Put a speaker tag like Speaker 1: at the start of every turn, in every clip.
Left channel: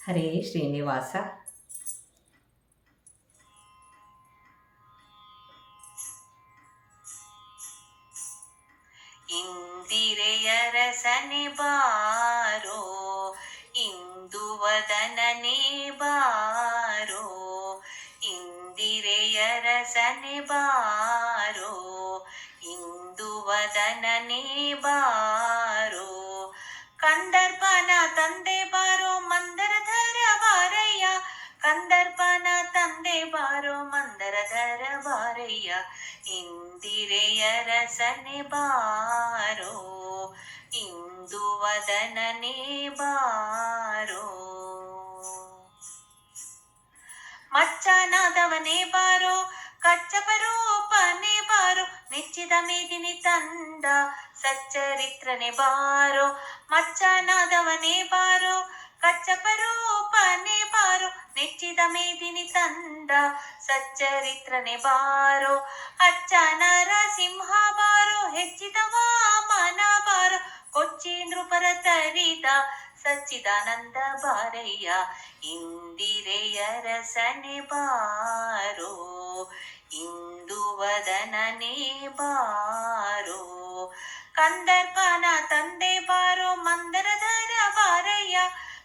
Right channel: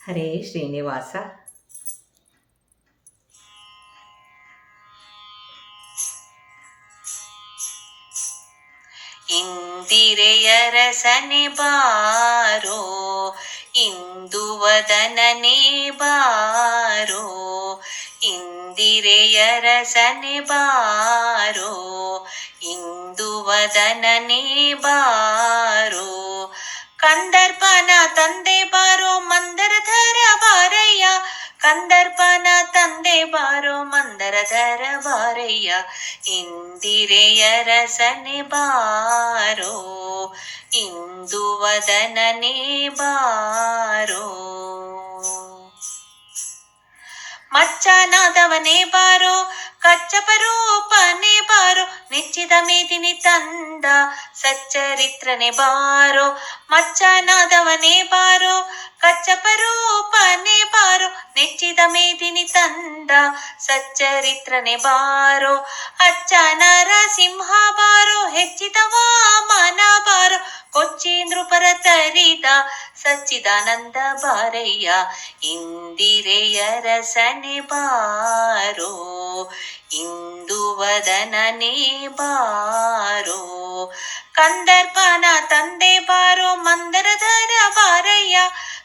Speaker 1: ಹರೇ ಶ್ರೀನಿವಾಸ.
Speaker 2: ಇಂದಿರೆಯರಸನೆ ಬಾರೋ, ಇಂದು ವದನನೆ ಬಾರೋ ಇಂದಿರೆಯರಸನೆ ಬಾರೋ, ಇಂದು ವದನನೆ ಬಾರೋ, ಕಂದರ್ಪನ ತಂದೆ ಬಾರಯ್ಯ ಕಂದರ್ಪನ ತಂದೆ ಬಾರೋ ಮಂದರಧರ ಬಾರಯ್ಯ ಇಂದಿರೆಯರಸನೆ ಬಾರೋ, ಇಂದು ವದನನೆ ಬಾರೋ. ಮಚ್ಚನಾದವನೇ ಬಾರೋ, ಕಚ್ಚಪರೂಪನೆ ಬಾರೋ, ನೆಚ್ಚಿದ ಮೇದಿನಿ ತಂದ, ಸಚ್ಚರಿತ್ರನೆ ಬಾರೋ ಮಚ್ಚನಾದವನೇ ಬಾರೋ, ಕಚ್ಚಪರೂಪನೆ ಬಾರೋ, ನೆಚ್ಚಿದ ಮೇದಿನಿ ತಂದ, ಸಚ್ಚರಿತ್ರನೆ ಬಾರೋ, ಅಚ್ಚ ನರಸಿಂಹ ಬಾರೋ, ಹೆಚ್ಚಿದ ವಾಮನ ಬಾರೋ ಕೊಚ್ಚಿ ನೃಪರ ತರಿದ ಸಚ್ಚಿದಾನಂದ ಬಾರಯ್ಯ ಇಂದಿರೆಯರಸನೆ ಬಾರೋ, ಇಂದು ವದನನೆ ಬಾರೋ, ಕಂದರ್ಪನ ತಂದೆ ಬಾರೋ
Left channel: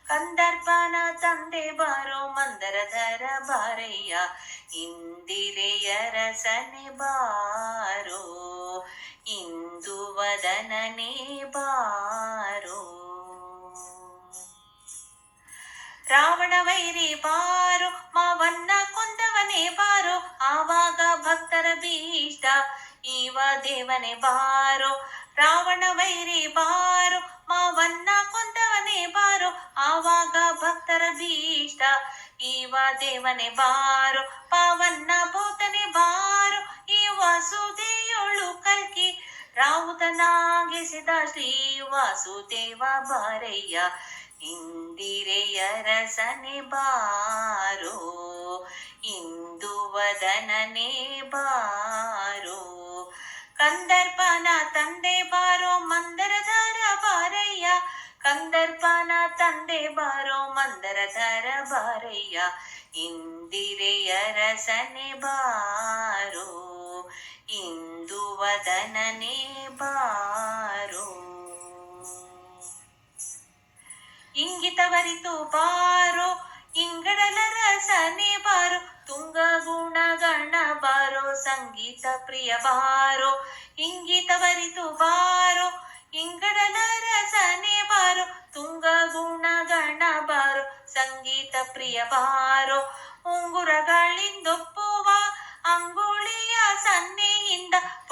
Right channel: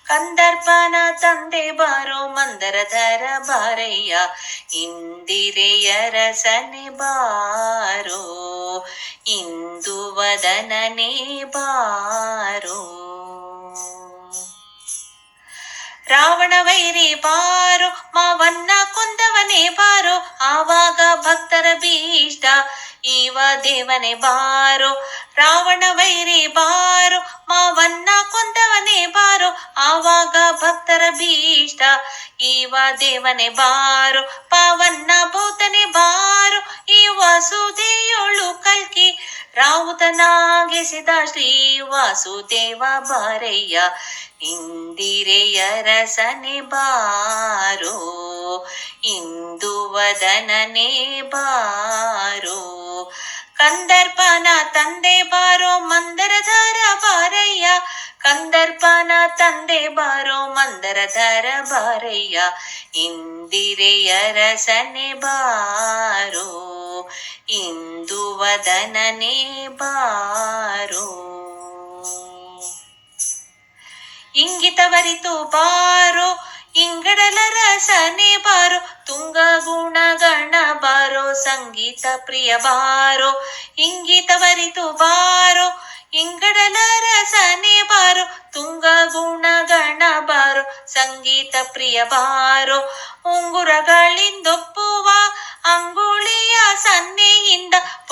Speaker 2: ಕಂದರ್ಪನ ತಂದೆ ಬಾರೋ ಮಂದರಧರ ಬಾರಯ್ಯ. ಇಂದಿರೆಯರಸನೆ ಬಾರೋ. ಇಂದು ವದನನೆ ಬಾರೋ. ರಾವಣ ವೈರಿ ಬಾರೋ, ಮಾವನ್ನ ಕೊಂದವನೇ ಬಾರೋ. ಆವಾಗ ಭಕ್ತರ ಬೀಷ್ಟ, ಈವ ದೇವನೇ ಬಾರೋ. ರಾವಣ ವೈರಿ ಬಾರು, ಮಾವನ್ನ ಕೊಂದವನೇ ಬಾರು, ಆವಾಗ ಭಕ್ತರ ಭೀಷ್ಟ ಈವ ದೇವನೇ ಬಾರು, ಪಾವನ್ನ ಭೂತನೆ ಬಾರು ಈ ವಾಸುದೇಯೋಳು ಕಲ್ಕಿ, ರಾವುತನಾಗಿಸಿದ ಶ್ರೀ ವಾಸುದೇವ ಬಾರಯ್ಯ ಇಂದಿರೆಯರಸನೆ ಬಾರು, ಇಂದು ವದನನೆ ಬಾರು, ಕಂದರ್ಪನ ತಂದೆ ಬಾರೋ ಮಂದರಧಾರ ಬಾರಯ್ಯ. ಕಂದರ್ಪನ ತಂದೆ ಬಾರೋ ಮಂದರಧಾರ ಬಾರಯ್ಯ. ಇಂದಿರೆಯರಸನೆ ಬಾರೋ, ಇಂದು ವದನನೆ ಬಾರೋ. ಇಂಗಿತವರಿತು ಬಾರೋ ಇಂಗಡಲ ರಸನೆ ಬಾರೋ, ತುಂಗ ಗುಣ ಗಣ ಬಾರೋ, ಸಂಗೀತ ಪ್ರಿಯ ಬಾರೋ ಇಂಗಿತವರಿತು ಬಾರೋ, ಇಂಗಡಲ ರಸನೆ ಬಾರೋ, ತುಂಗ ಗುಣ ಗಣ ಬಾರೋ, ಸಂಗೀತ ಪ್ರಿಯ ಬಾರೋ ಉಂಗುರಗಳಿಂದೊಪ್ಪುವ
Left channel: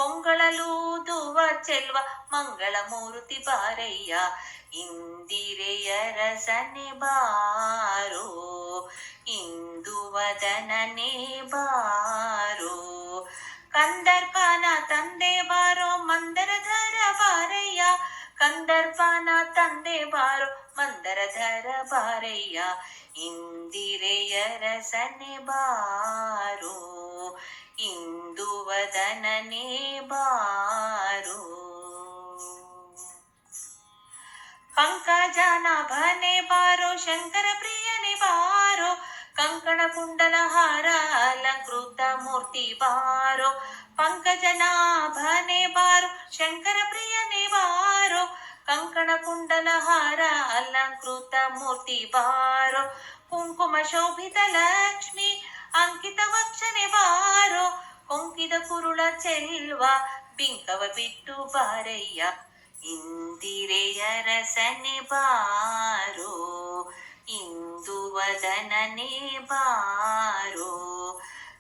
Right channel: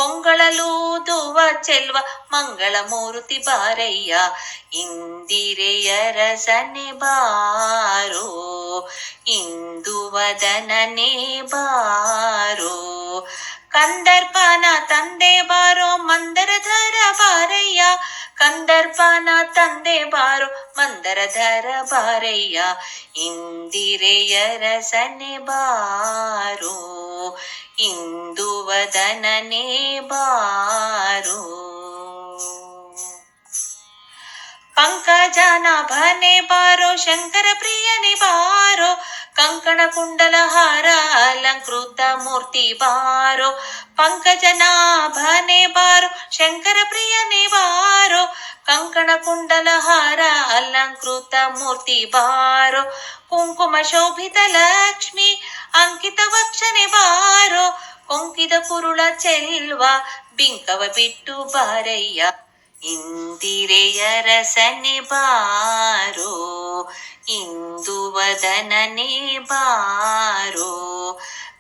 Speaker 2: ಪೊಂಗಳಲೂದುವ ಚೆಲ್ವ ಮಂಗಳ ಮೂರುತಿ ಬಾರಯ್ಯ ಇಂದಿರೆಯರಸನೆ ಬಾರೋ ಇಂದು ವದನನೆ ಬಾರೋ ಕಂದರ್ಪನ ತಂದೆ ಬಾರೋ ಮಂದರಧರ ಬಾರಯ್ಯ ಕಂದರ್ಪನ ತಂದೆ ಬಾರೋ ಮಂದರಧರ ಬಾರಯ್ಯ ಇಂದಿರೆಯರಸನೆ ಬಾರೋ, ಇಂದು ವದನೇ ಬಾರೋ. ಪಂಕಜನ ಭನೆ ಬಾರೋ, ಶಂಕರ ಪ್ರಿಯನೆ ಬಾರೋ ಕಂಕಣ ಕುಂಡಲ ಹಾರ ಅಲಂಕೃತ ಮೂರ್ತಿ ಬಾರೋ ಪಂಕಜನಾಭನೆ ಬಾರೋ ಶಂಕರ ಪ್ರಿಯನೆ ಬಾರೋ ಕಂಕಣ ಕುಂಡಲ ಹಾರ ಅಲಂಕೃತ ಮೂರ್ತಿ ಬಾರೋ ಕುಂಕುಮ ಶೋಭಿತ ಲಕ್ಷ್ಮಿ ಅಂಕಿತ ವಕ್ಷನೆ ಬಾರೋ ಕೊಂಕಿದ ಕುರುಳ ಚೆಲ್ವ ಬಿಂಕವ ಬಿಟ್ಟು ಬಾರಯ್ಯ ಇಂದಿರೆಯರಸನೆ ಬಾರೋ ಇಂದು ವದನನೆ ಬಾರೋ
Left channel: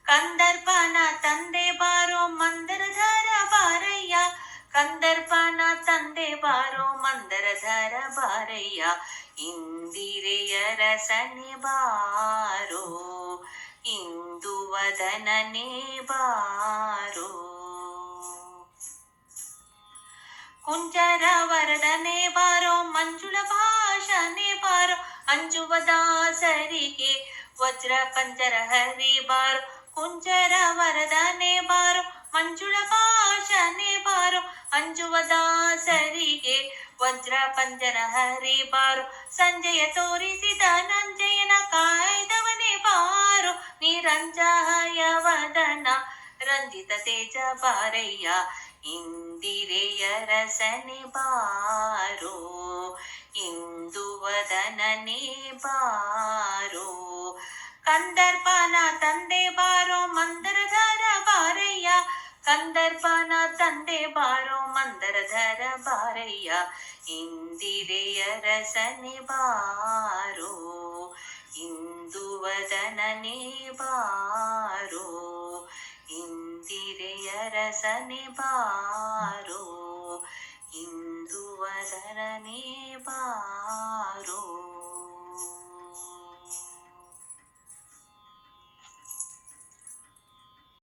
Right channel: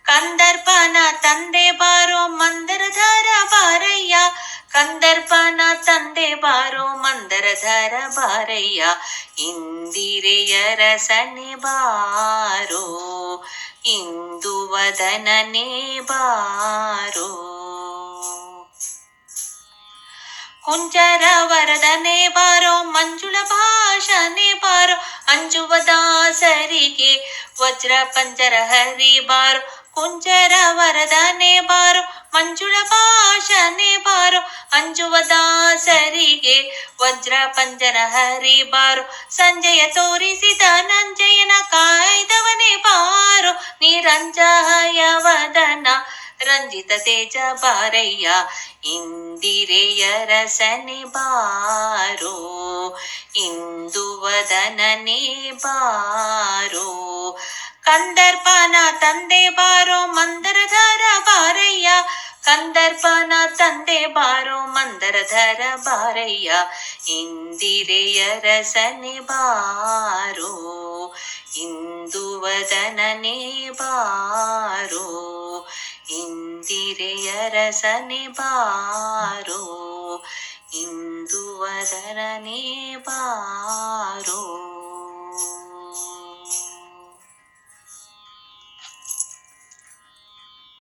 Speaker 2: ಕಂದರ್ಪನ ತಂದೆ ಬಾರೋ ಮಂದರಧರ ಬಾರಯ್ಯ ಕಂದರ್ಪನ ತಂದೆ ಬಾರೋ ಮಂದರಧರ ಬಾರಯ್ಯ ಇಂದಿರೆಯರಸನೆ ಬಾರೋ ಇಂದು ವದನನೆ ಬಾರೋ ಕುಂಜರ ವರದನೆ ಬಾರೋ, ಮಂಜುಳ ಭಾಷನೆ ಬಾರೋ, ಅಂಜುವ ದಾಸರಿಗೆ ವಜ್ರ ಪಂಜರ ಹರಿ ಬಾರೋ, ಕುಂಜರ ವರದನೆ ಬಾರೋ, ಮಂಜುಳ ಭಾಷನೆ ಬಾರೋ, ಅಂಜುವ ದಾಸರಿಗೆ ವಜ್ರ ಪಂಜರ ಹರಿ ಸಂಜಯ ತೋರಿಸಿದ ನಂಜಯನ ಕಾಯ್ದವನೇ ಬಾರೋ ನಿರಂಜಯ ವದನ ರಂಜಿತ ತೇಜ ಬಾರಯ್ಯ, ಇಂದಿರೆಯ ರಸನೆ ಬಾರೋ, ಇಂದು ವದನನೆ ಬಾರೋ. ಕಂದರ್ಪನ ತಂದೆ ಬಾರೋ, ಮಂದರಧರ ಬಾರಯ್ಯ. ಕಂದರ್ಪನ ತಂದೆ ಬಾರೋ, ಮಂದರಧರ ಬಾರಯ್ಯ. ಇಂದಿರೆಯ ರಸನೆ ಬಾರೋ, ಇಂದು ವದನನೆ ಬಾರೋ. ಇಂದಿರೆಯ ರಸನೆ ಬಾರೋ ಇಂದು ವದನನೆ ಬಾರೋ